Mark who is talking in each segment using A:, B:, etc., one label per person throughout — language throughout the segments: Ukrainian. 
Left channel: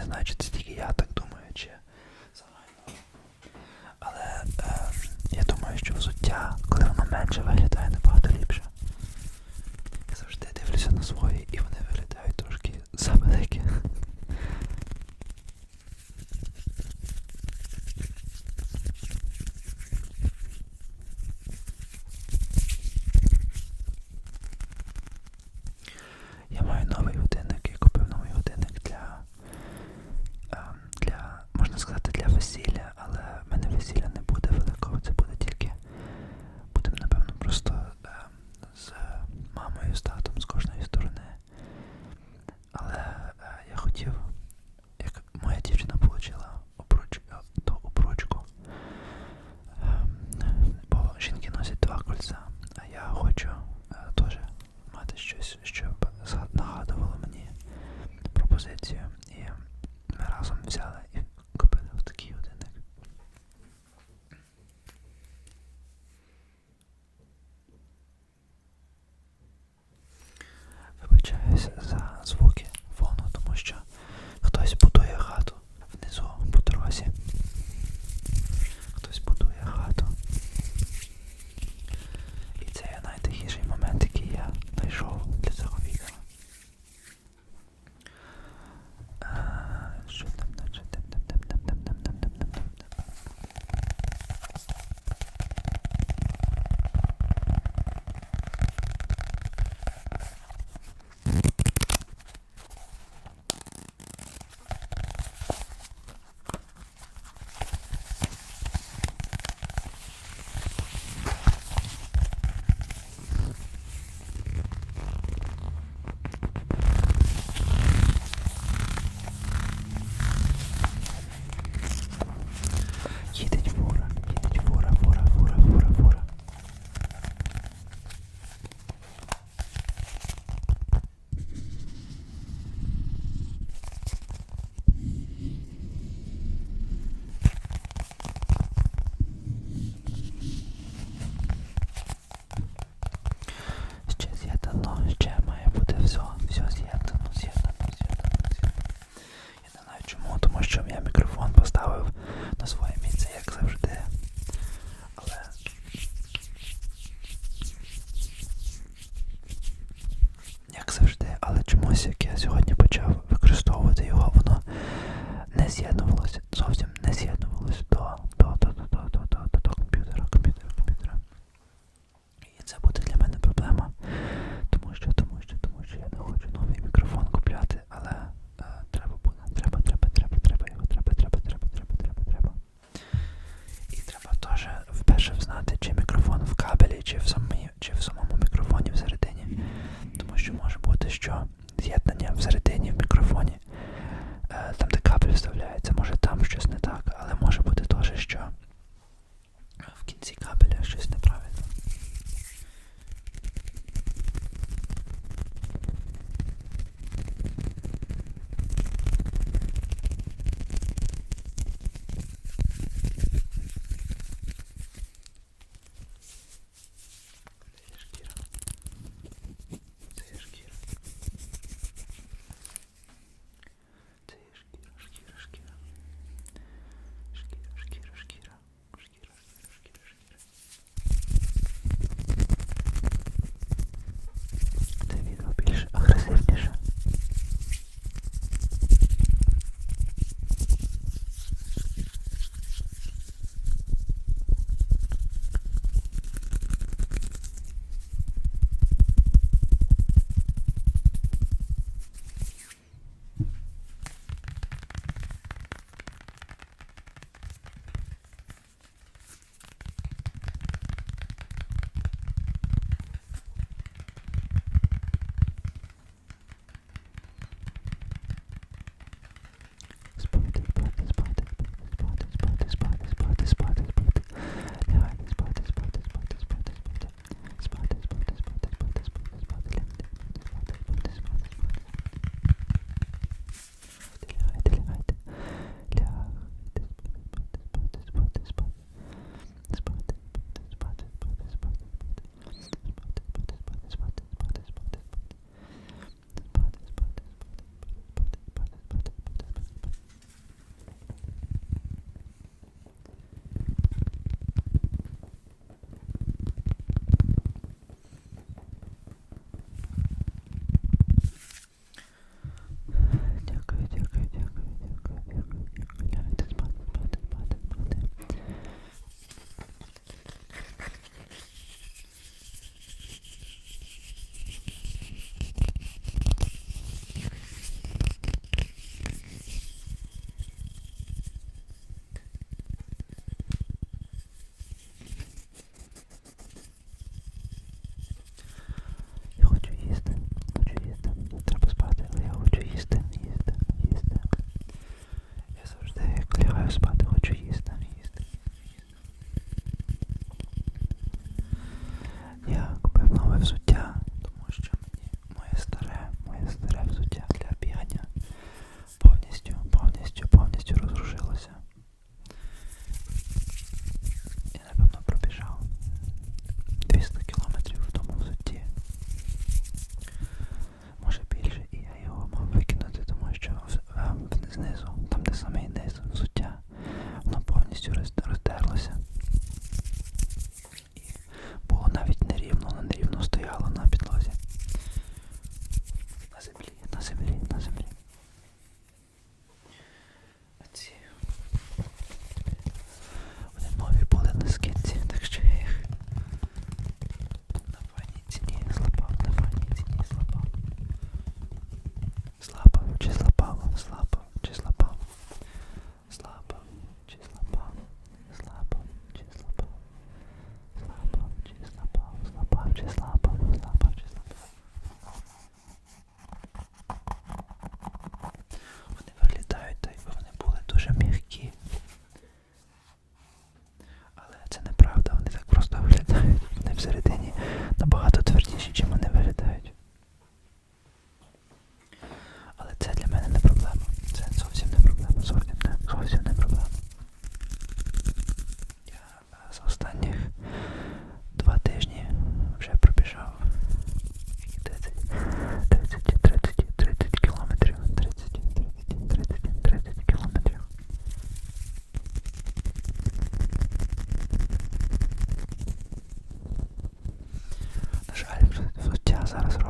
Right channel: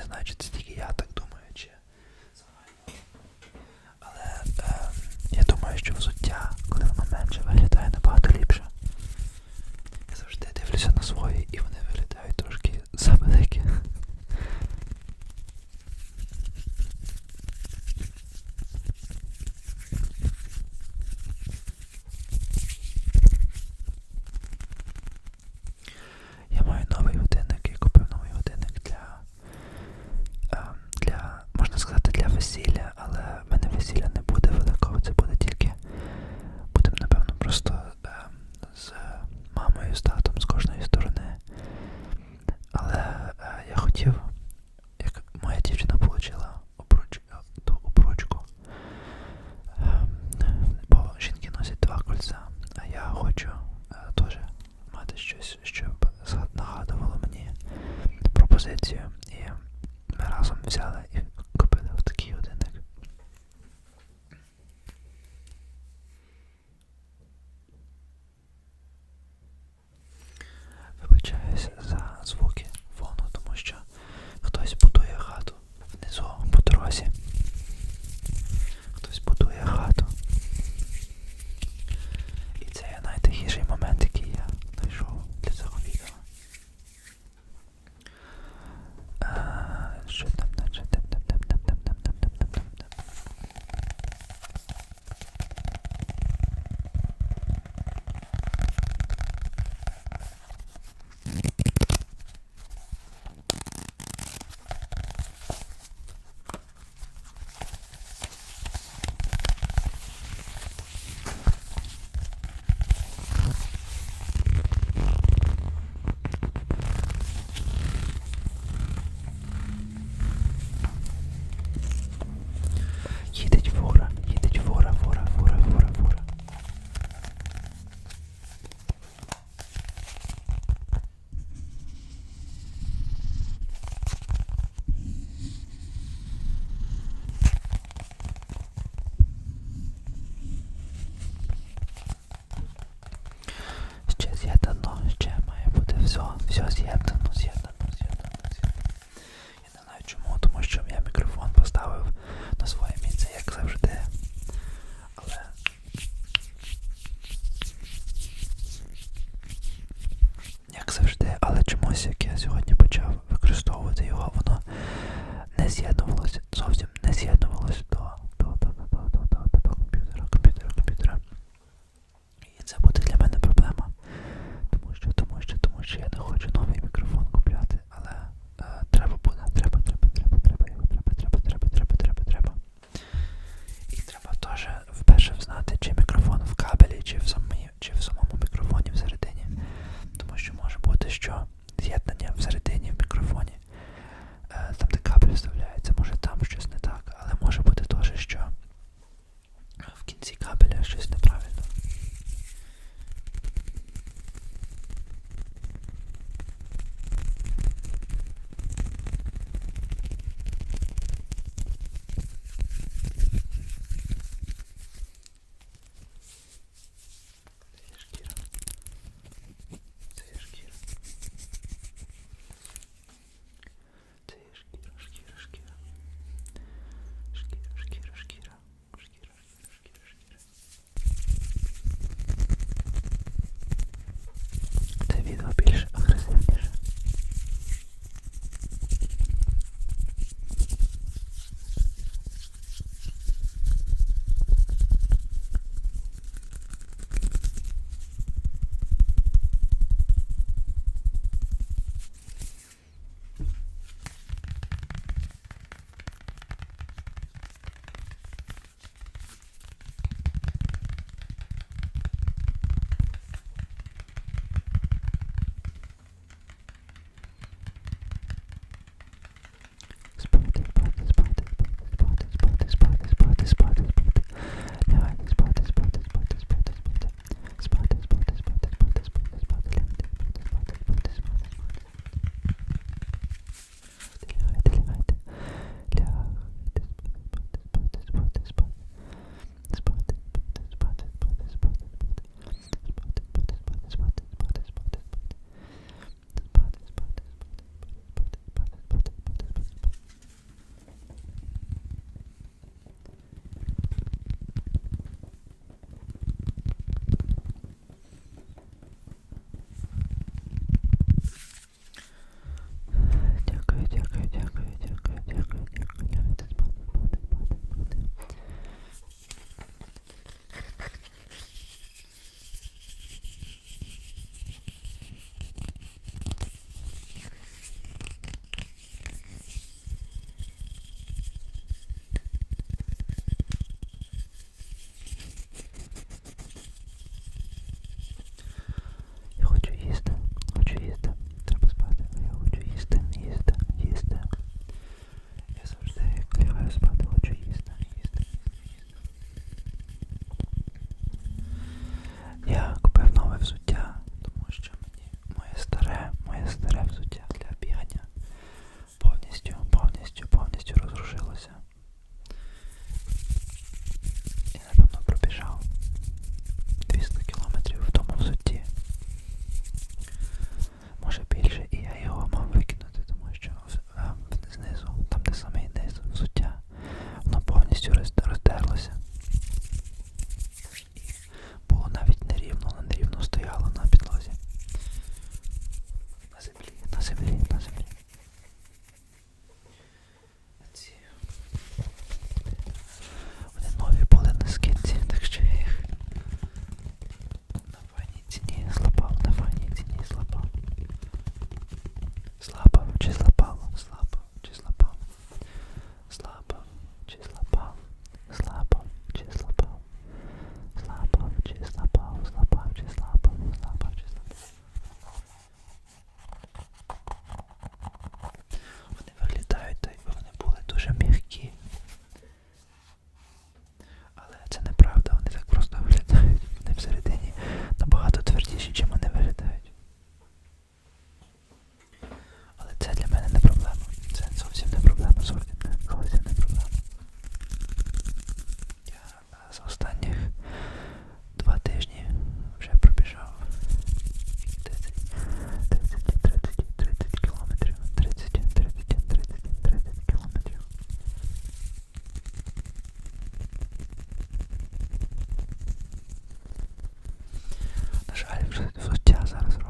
A: не знаю, чи це тільки я так думаю, чи загально. Але е, я думаю, що взуття, коли воно менше виглядає набагато ліпше. Я завжди дивлюся на свої і вони взагалі вже взуття зараз робить.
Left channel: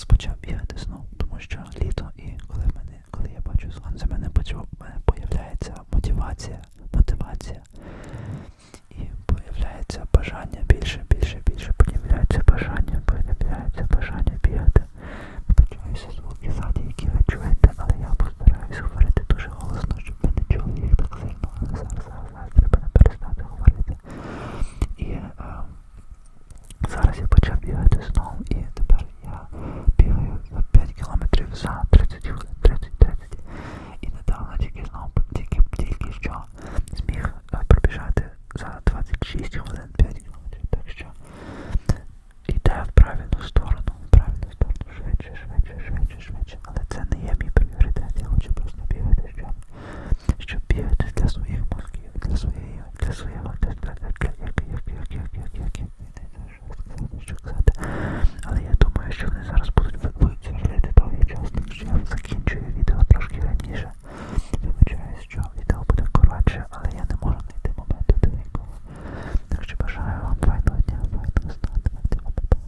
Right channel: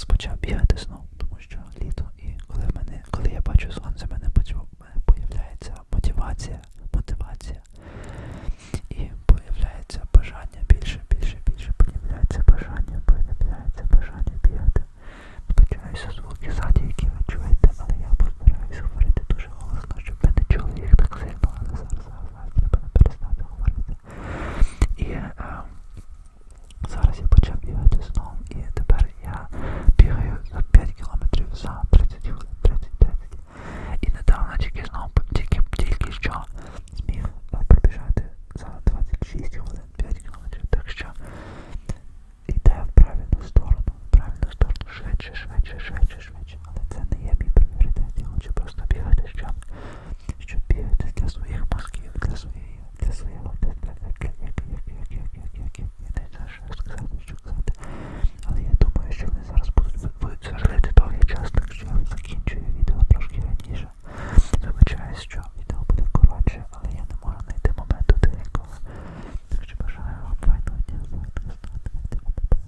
A: час почав бігати знов, тому що літо і коли в мене, коли я бачу сон, за мене появляється мотивація.